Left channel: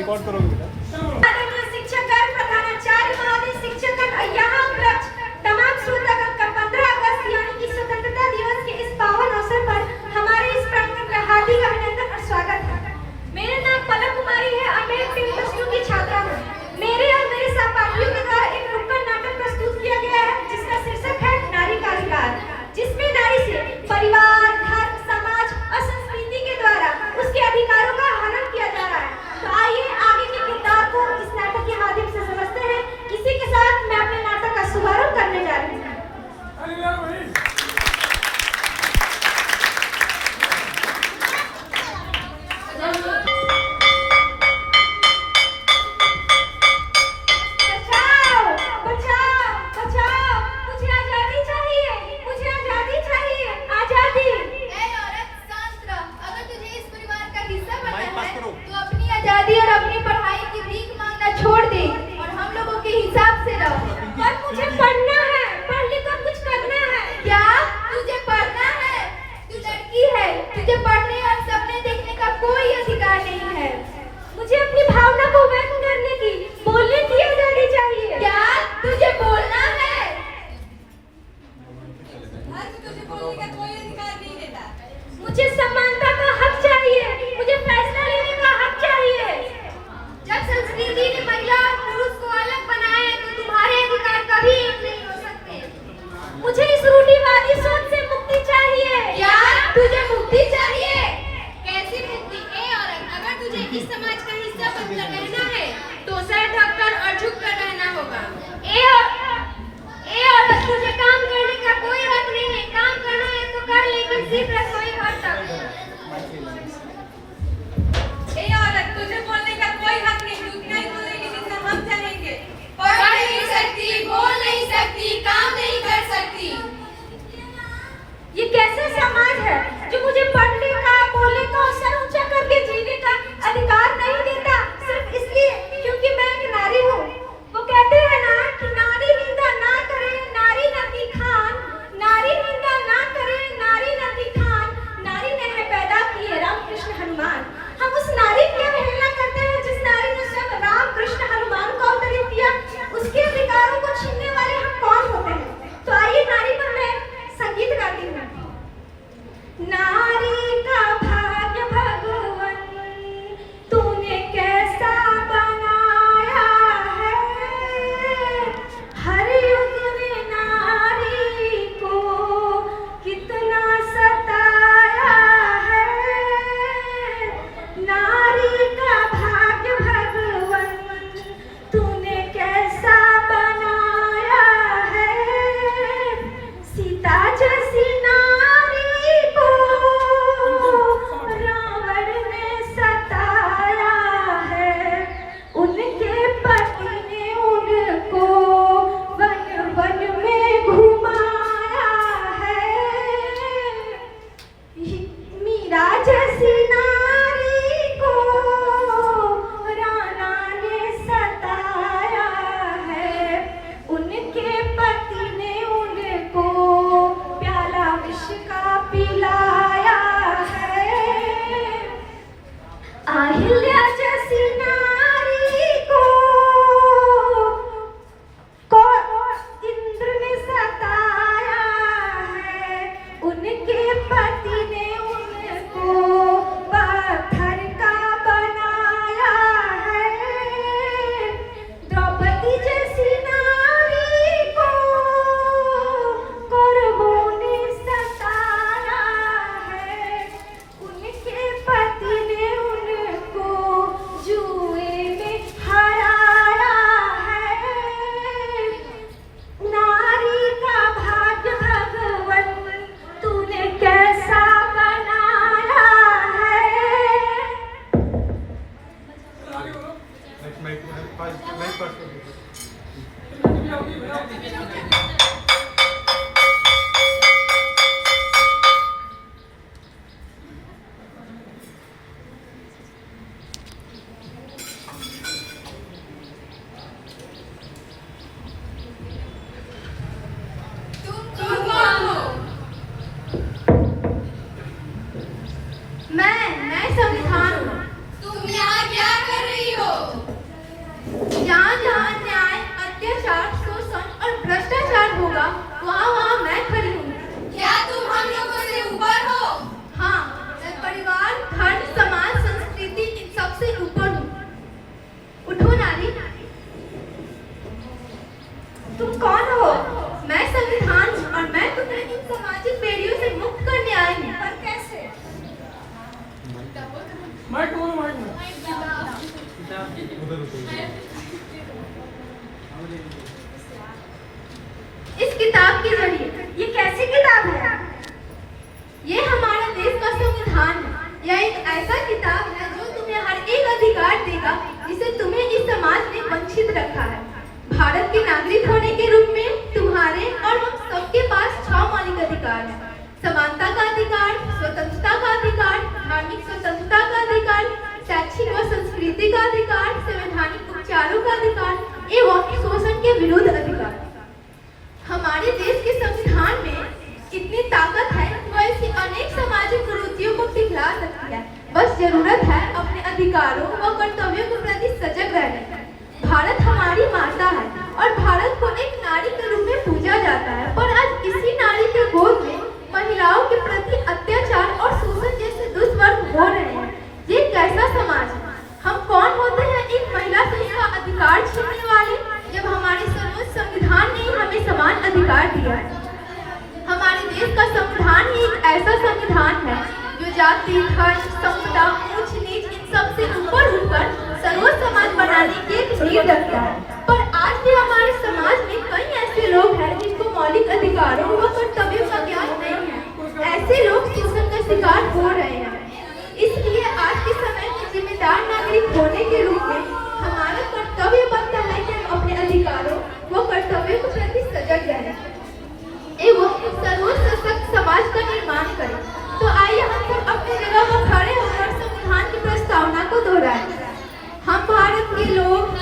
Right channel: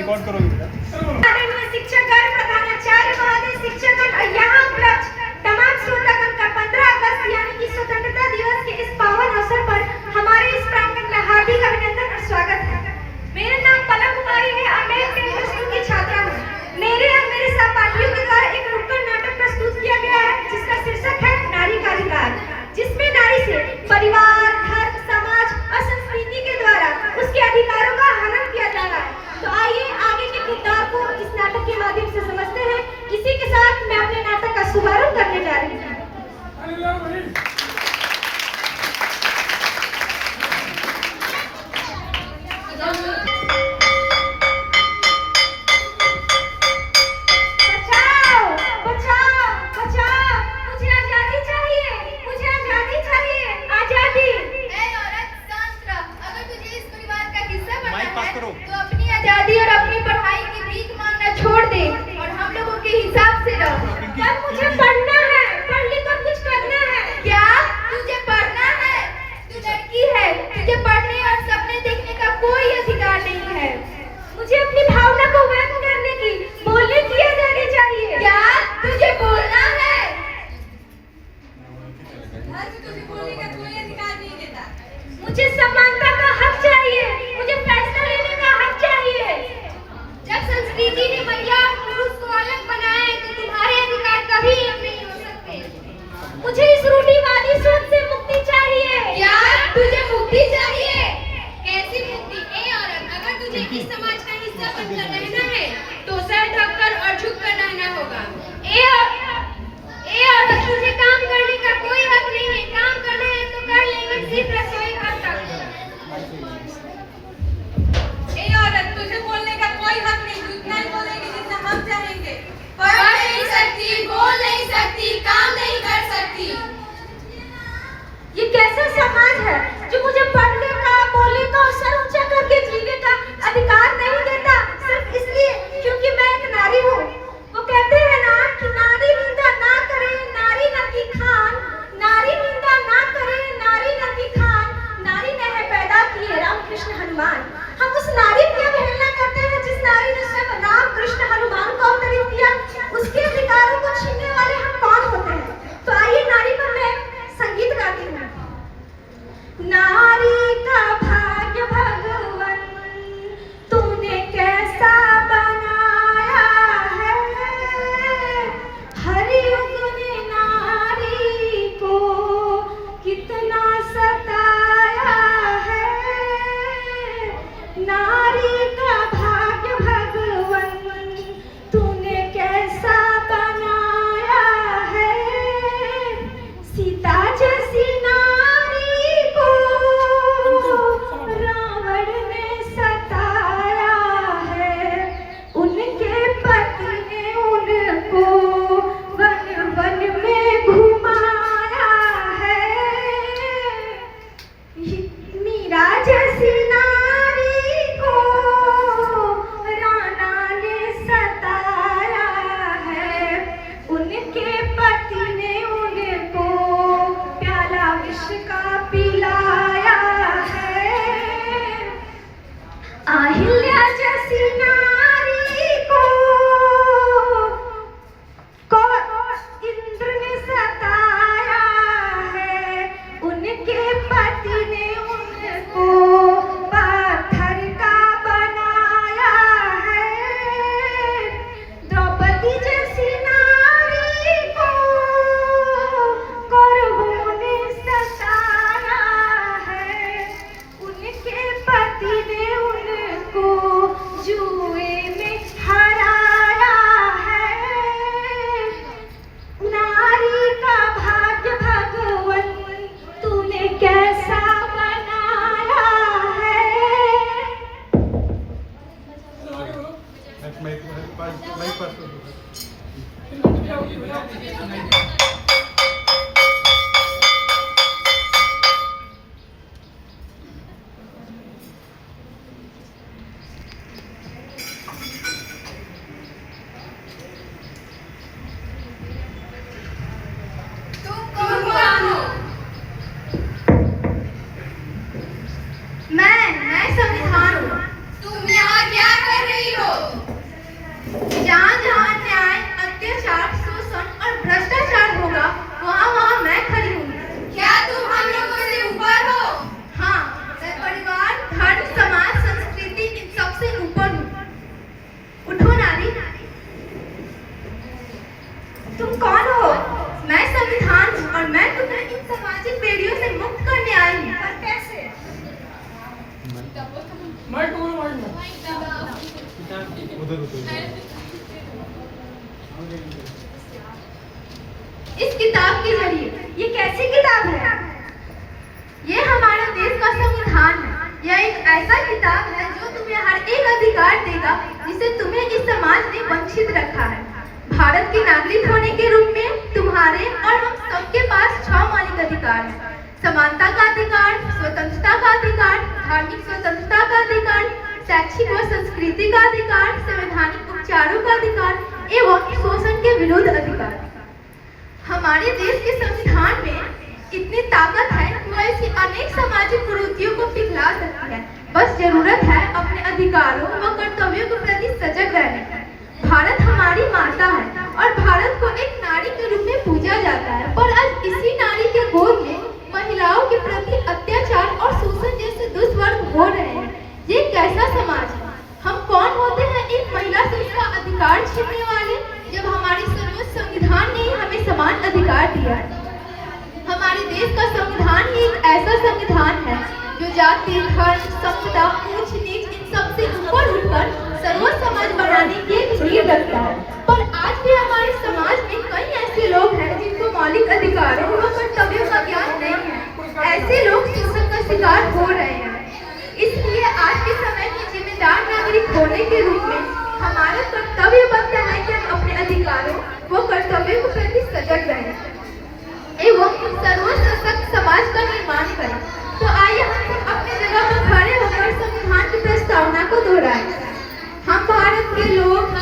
Record करोगे आदरणीय शिक्षकगण, प्रधानाचार्य महोदय, शिक्षकगण और यहाँ उपलब्ध तमाम श्रोतागण का 15 अगस्त यानी कि स्वतंत्रता दिवस के इस पावन अवसर पर हमारे इस प्रांगण में हार्दिक अभिनंदन और स्वागत है। मेरा नाम पलक कुमारी है और मैं 10वीं की छात्रा हूँ। मेरे और मेरे सहपाठियों के द्वारा एक नुक्कड़ नाटक प्रस्तुत किया गया है जिसका शीर्षक है नारी का अधिकार, जिसमें नारी से परिवार, धर्म, समाज और संस्कृति के द्वारा उसके अधिकारों का हनन किया जा रहा है। तो आइए आगे के किरदार को इस नाटक के माध्यम से समझते हैं। इसी के साथ मैं अपने नाटक का शुभारंभ करने जा रही हूँ। आजादी और अपनी पढ़ाई की भीख मांगना छोड़ दे और हम लोगों के हिसाब से रहो। पर मुझे पढ़ना है, पढ़ लिख कर कुछ करना है। क्या तुझे पढ़ना है? तू लड़की है, तुझे पढ़ने और सपने देखने का कोई अधिकार नहीं है। मुझे अपनी भावना को व्यक्त करने की, बोलने की आजादी चाहिए। क्या तुझे बोलना है? तुझे बोलने का कोई अधिकार नहीं देता। मुझे समानता का हक चाहिए, मुझे फैसला लेने का हक चाहिए। जब संस्कृति ने महिला और पुरुष को अलग बनाया है तो तुम्हारे अधिकार कभी एक नहीं हो सकते। मुझे इस रूढ़िवादी सोच से मुक्ति चाहिए। क्या तुझे मुक्ति चाहिए? कैसी मुक्ति? ए औरत, अगर तुझे इस समाज का हिस्सा बनकर रहना है तो सर ढककर और झुककर रहना होगा। ए औरत, तुझे काम करने का कोई हक नहीं है। काम करना है तो कर, लेकिन सिर्फ रसोई घर तक। ए औरत, तुझे बोलने का कोई हक नहीं। तू उतना ही बोलेगी जितना हम चाहेंगे। पढ़ नहीं सकती, बोल नहीं सकती, काम नहीं कर सकती। ये कैसा समाज है जो मुझे पढ़ने का, बोलने का और सर ऊंचा करके जीने का अधिकार नहीं देता, सिर्फ इसलिए क्योंकि मैं एक नारी हूँ। वो कहते हैं ना कि नारी निंदा ना करे नारी न की खान, नारी निंदा ना करे नारी न की खान, नारी ने है पैदा किए राम कृष्ण हनुमान। हम उस नारी की अवहेलना करते हैं जिस नारी ने स्वयं राम कृष्ण हनुमान को अवतरित किया। उसके अधिकारों को छीनने वाले हम कौन होते हैं? तो आइए नारी पर मैं संगीत गाती हूँ। नारी का भाग्य भगवन तूने कैसा बनाया है, हर युग ने नारी को कितना सताया है। नारी का भाग्य भगवन तूने कैसा बनाया इस किताब के जरिए, ये कैसी किताब है? ये हमारे देश का संविधान है। यह एक ऐसा किताब है जो तुम्हें हर एक अधिकार देगा जिसे तुम्हें इस समाज ने वंचित रखा है। भारत के नागरिक होने के रूप में तुम्हारे और हम सबके पास 6 मौलिक अधिकार हैं। समानता का अधिकार, स्वतंत्रता का अधिकार, धार्मिक स्वतंत्रता का अधिकार, शैक्षिक व संस्कृति का अधिकार, संवैधानिक उपचारों का अधिकार एवं शोषण के विरुद्ध अधिकार। हमारे देश के संविधान में इतनी ताकत है कि वह ऐसी अनेक सामाजिक कुरीतियों को पिघला सकती है। बस जरूरत है अपने अधिकारों व कर्तव्यों के प्रति सजग रहने की। भारत हमारी माता है और भारत को एक नारी के रूप में पूजा जाता है, पर आज इसी नारी के गोद में महिलाओं के प्रति अत्याचार और शोषण जैसे दुष्कर्म हो रहे हैं। ये कैसा समाज है? हम कौन होते हैं एक महिला से इसका अधिकार छीनने वाले, जब हमारे सर्वोच्च संविधान ने हमें समान अधिकार दिया है। हमारे देश का संविधान ही एक ऐसा संविधान है जो जाति, धर्म, संपदा, ऊंच नीच इन सब से ऊपर उठकर सर्वोच्च समाज बनाने की एक नींव रखता है। पर आज भी हमारे समाज में कई ऐसे लोग हैं जिनको मौलिक अधिकारों व कर्तव्यों का ज्ञान नहीं है। ऐसे लोग शोषण का शिकार हो रहे हैं। इसलिए आज के समय में जिम्मेदार नागरिक होने के रूप में हमारा कर्तव्य बनता है कि हम अपने अधिकारों व कर्तव्यों के प्रति सजग रहें एवं सर्वोच्च सशक्त समाज का निर्माण करें। तो आइए हम सब अपनी जगह पर खड़े होकर संविधान की प्रस्तावना को दोहराएं। हम भारत के लोग